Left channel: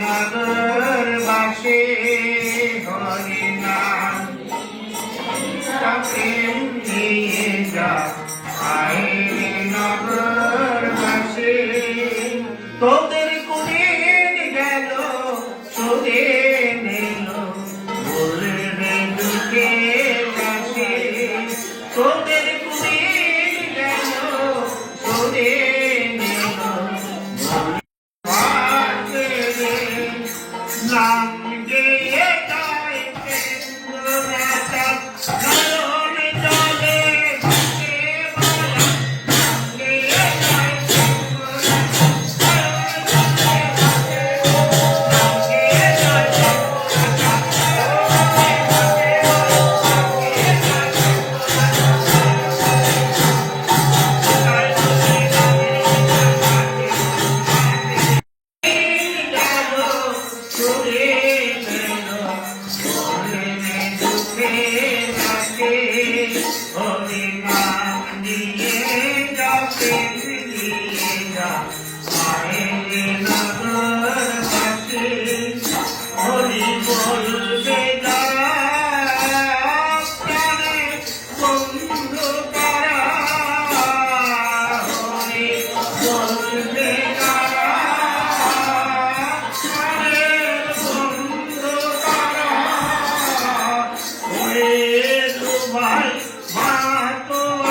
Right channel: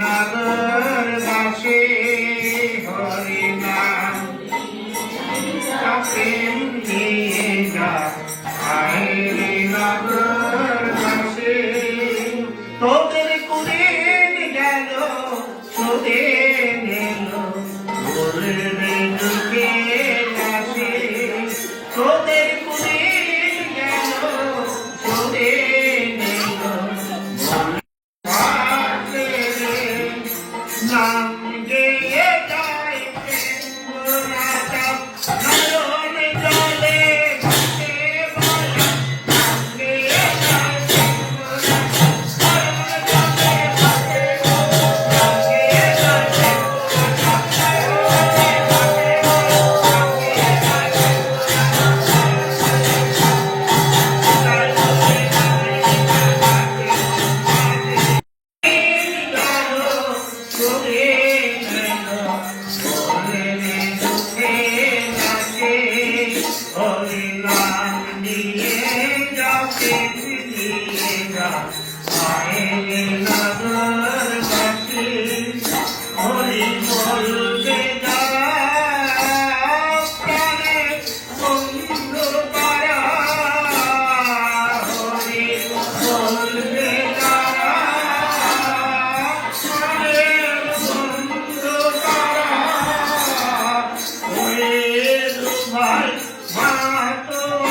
নগর বাসী ಆಟೋ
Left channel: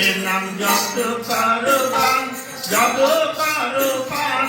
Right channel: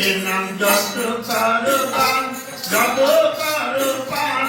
এর নাম যত পারো যত পারো পান